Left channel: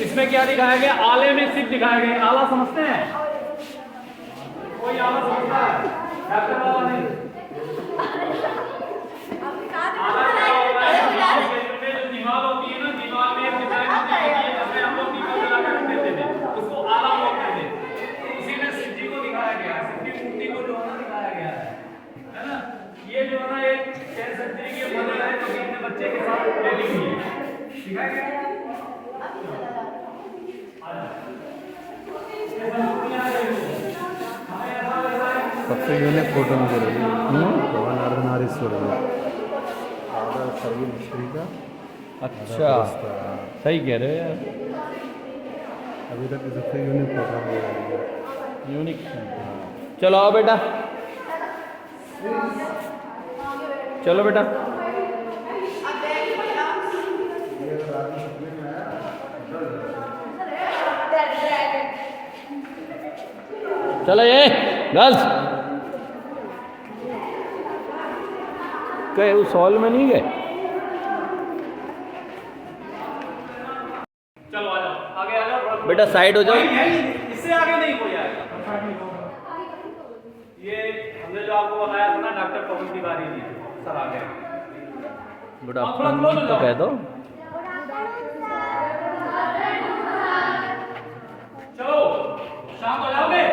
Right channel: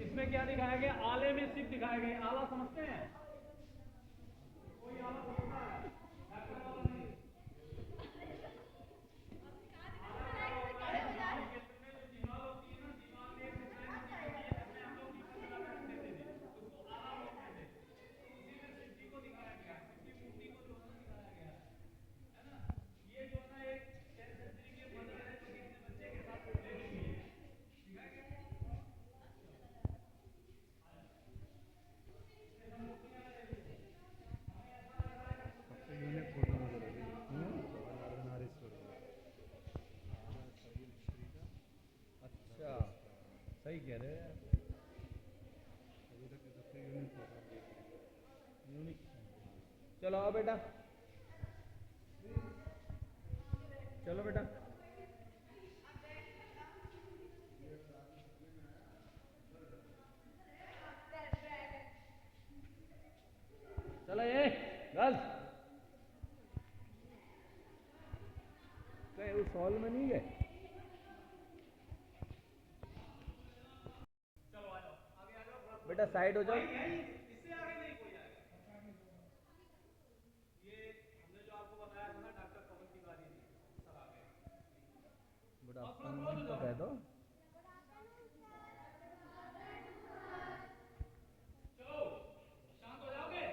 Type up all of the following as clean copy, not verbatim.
इसमें क्या दिखाया गया? आले में सिप दिखाया गया। आला समझते हैं? कोई आला समझता है? डॉक्टर वाला नहीं। आला क्या होता है? दिमाग में जो दीवार होती है ना, दीवार में एक डिजाइन होती है जिसमें हम लोग दीपक लगा कर रख देते थे, उसको आला बोलते थे। उसी में शिव जी को दिखाया गया है, शिव की मूर्ति को जो है ना दिखाया गया है ना। ये जो है ना एक कह सकते हैं कि मदर है जो कि अपने बच्चे के साथ बैठी हुई है, दिखाया गया है। सबसे यूनिक फोटो मुझे लगी भगवान अर्धनारीश्वर आधा सभी मिस्त्री का। अच्छा, सही कह रहे हो यार, अभी तक की सबसे यूनिक फोटो मुझे लगी। यूनिक। चलो आओ बेटा, चलो बेटा, चलो ये गर्ल्स गए उस हॉल में नहीं गए। चलो आ जाओ, आगे आ जाओ बेटा, साइड हो जाओ। इससे आगे नहीं कोई आएगा। ये हमने जो आपको बताया था ना, डॉक्टर पवन तिवारी जी सर आ गए। गुड आफ्टरनून तो कह दो। चलो शाम हो जाओगे।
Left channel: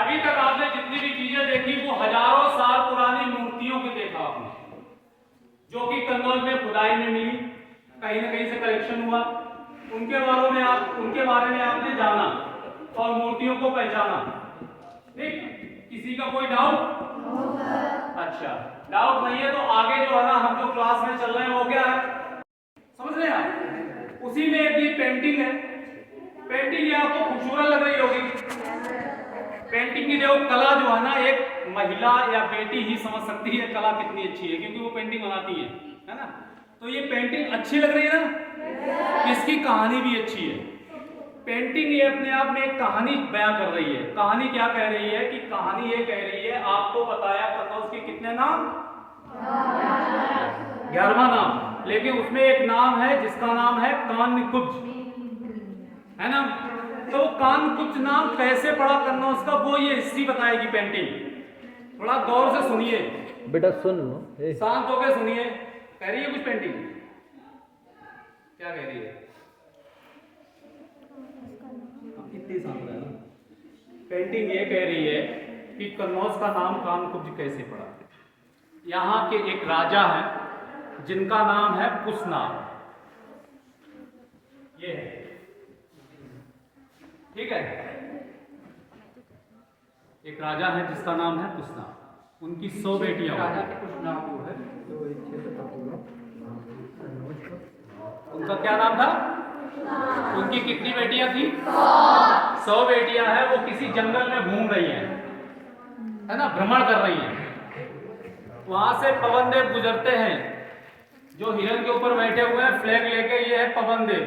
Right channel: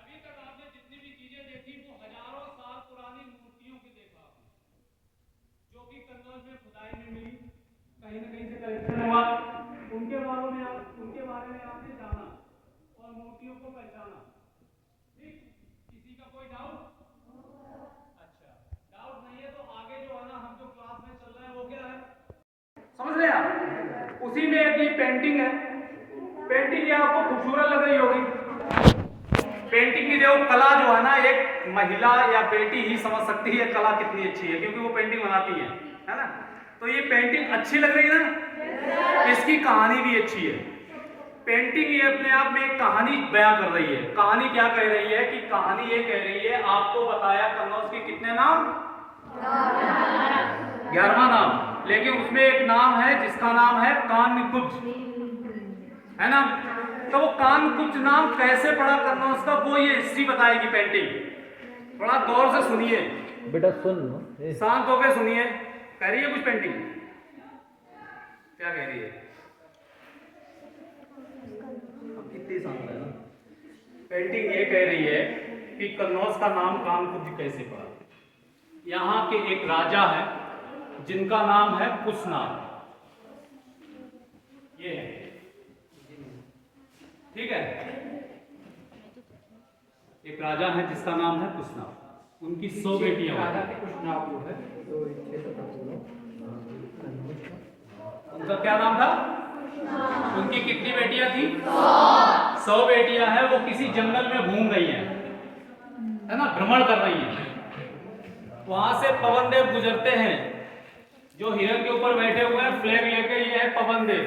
अभी तक आपने जितनी भी चीजें देखी वो हजारों साल पुरानी मूर्तियों की देखा आपने, जो कि कन्नौज में खुदाई में मिली, कहीं ना कहीं से कलेक्शन हुआ, उनके बारे में आपने जाना और मूर्तियों को पहचाना। ठीक, किसी का कोई डाउट? अच्छा, डाउट नहीं है तो आगे जो है ना हम जो क्लास में चल रहे हैं वो क्या है समझ रहे हैं आप? उसी में एक ये पेंटिंग है। पेंटिंग ये आपको खूबसूरत लग रही होगी। पेंटिंग की जो कला जो है ना, एक महिला या बेटी ही समझ सकती है कला कितनी अच्छी है, क्योंकि वो पेंटिंग बनाती है ना। तो ये पेंटिंग अच्छी लग रही है ना, इसकी कहानी भी अच्छी है। पेंटिंग ये अपने आप में एक कहानी बयां कर रही है। कहानी क्या कह रही है? कि कहानी ये कह रही है, आपको बताया कन्नौज के कितने नाम? 11वां नाम, लेकिन उसमें एक नाम है जिसका नाम है कानकुब्ज, है ना। तो वो कानकुब्ज नाम कैसे पड़ा कन्नौज का, वो ये हिस्ट्री बताएगी पेंटिंग। थोड़ा गौर से सुनिए बेटा, सुन लो, शांत होकर सुनिए। कह रही है कुछ पेंटिंग, क्या कह रही है? कितनी शांत है। पेंटिंग ये कह रही है कि कन्नौज का नाम कानकुब्ज कैसे पड़ा। यहाँ के एक राजा है जिनका नाम है कुशना, ये है, ठीक है। एक राजा है जिसका नाम है कुशना, उनकी 100 बेटियां। राजा के कुछ नाम वो है, उनका क्या नाम था? उनकी कितनी बेटियां थी? 100 बेटियां हैं। वो किसी जंगल में घूम रही हैं, है ना, भ्रमण कर रही हैं। वहां से पवन देव गुजरते हैं, जो हिरण के ऊपर बैठे हुए हैं फ्लैग लेके, ये है पवन देव।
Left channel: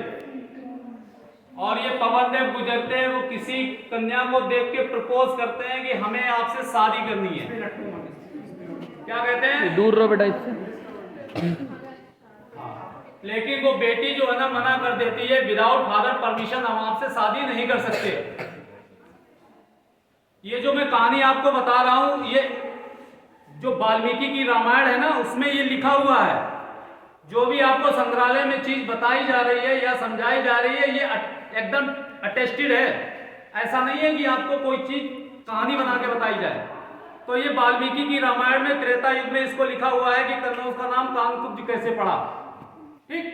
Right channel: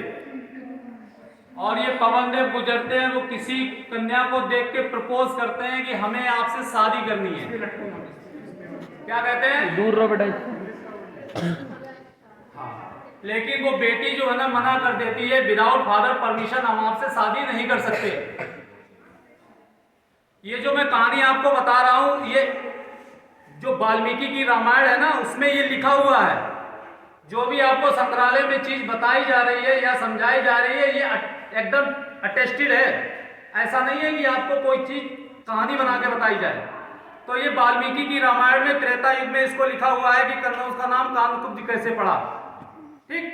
और ये पवन देव गुजरते हैं, वो किसी कन्या को देख के प्रपोज करते हैं कि हमें आपसे शादी करनी है। क्या कहते हैं? दूर रहो बेटा इससे। हाँ, लेकिन वो बेटी जो है ना मना कर देती है, विदाउट फादर परमिशन हम आपसे शादी नहीं कर सकते। ये जो मैं कहानी आपको बता रहा हूं, ये जो वाल्मीकि की रामायण है ना, उसमें ये लिखा हुआ है। जो भी आपको संग्रहालय में चीज बताई जा रही है या समझाई जा रही है, ये एकदम अटेस्टेड है। ऐसा नहीं है कि आपको कोई चीज कहानी बना के बताई जाए। तो ये वाल्मीकि की रामायण में त्रेता युग में इसको लिखा हुआ है कि कन्नौज का नाम कानकुब्ज कैसे पड़ा। ठीक,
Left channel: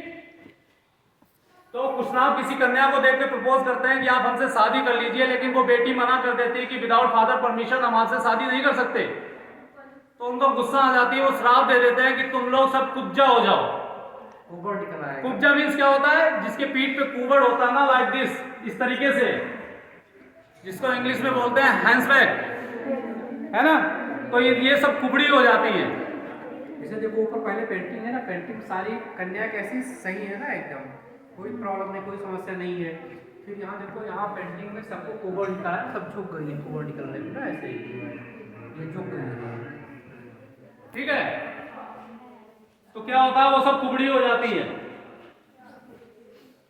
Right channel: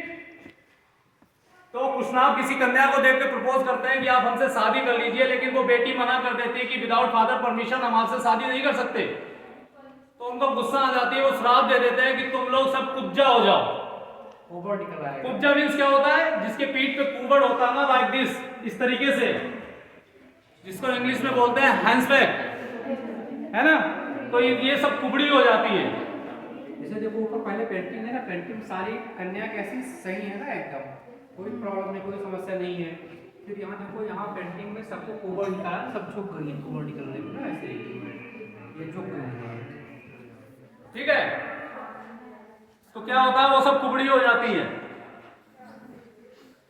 तो कुशनाभ किसी कन्या को देख के प्रपोज करते हैं कि आप हमसे शादी कर लीजिए, लेकिन वो बेटी मना कर देती है कि विदाउट फादर परमिशन हम आपसे शादी नहीं कर सकते। तो उनको गुस्सा आ जाती है, वो श्राप दे देते हैं कि तुम लोग सब कुब्जा हो जाओ। कुबड़ निकल आएगा। कुब्जा मीन्स क्या होता है? जिसके पीठ पे कुबड़ होता है ना, लाइक दिस, इस तरीके से, जिसको इंग्लिश में बोलते हैं हैंड्सबैग, है ना। तो ये सब कुबड़ी हो जाती है। जैसे देखो ऊपर पहले पेंटिंग है ना, पेंटिंग सारी कन्या कैसी सही है ना, एकदम कोई प्रॉब्लम नहीं, कोई समस्या नहीं है। फिर यहाँ देखो, यहाँ पेंटिंग में सबको कुबड़ निकाला है, सब झुक गई है कुबड़ निकलने में ना, ऐसे ही ये झुक गई है। ठीक है, तो क्या होता है? वो सब कुबड़ी हो जाती है।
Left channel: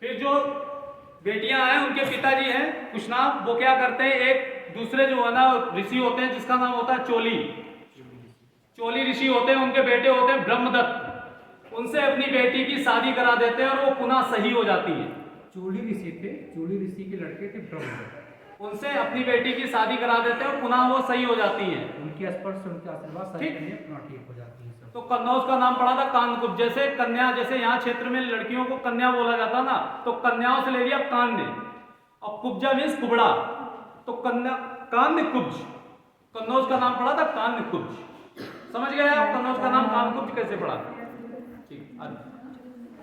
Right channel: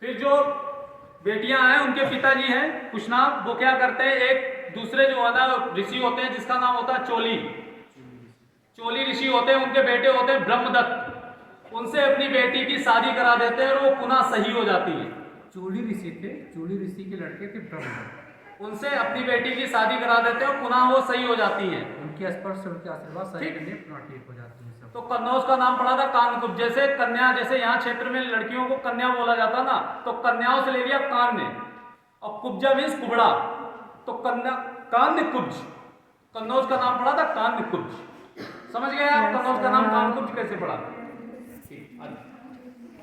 फिर जो बेटियां हैं उनके पिताजी हैं कुशनाथ, वो क्या करते हैं, एक दूसरे जो है ना ऋषि होते हैं जिसका नाम होता है चोली, चोली ऋषि होते हैं, उनके बेटे होते हैं ब्रह्मदत्त, उनसे अपनी बेटी की शादी करा देते हैं और वो पुनः सही हो जाती है। चूली ऋषि थे, चूली ऋषि के लड़के थे ब्रह्मदत्त, उनसे अपनी बेटी की शादी करा देते हैं और पुनः वो सही हो जाती है। उनके स्पर्श से उनके आशीर्वाद सारी ठीक। कन्या पुनः ठीक हो जाती है सब। तो कन्नौज का नाम पड़ा था कानकुब्ज, जैसे कन्या, जैसे यहाँ क्षेत्र में लड़कियों को कन्या बोला जाता ना, तो कन्याओं से ले लिया कान्य, और कुब्जा मीन्स कुबड़ा, तो कन्या कान्य कुब्ज, कन्नौज का नाम पड़ा था कान्य कुब्ज। समझ गए आप कन्नौज का नाम कानकुब्ज कैसे पड़ा? ठीक, आगे।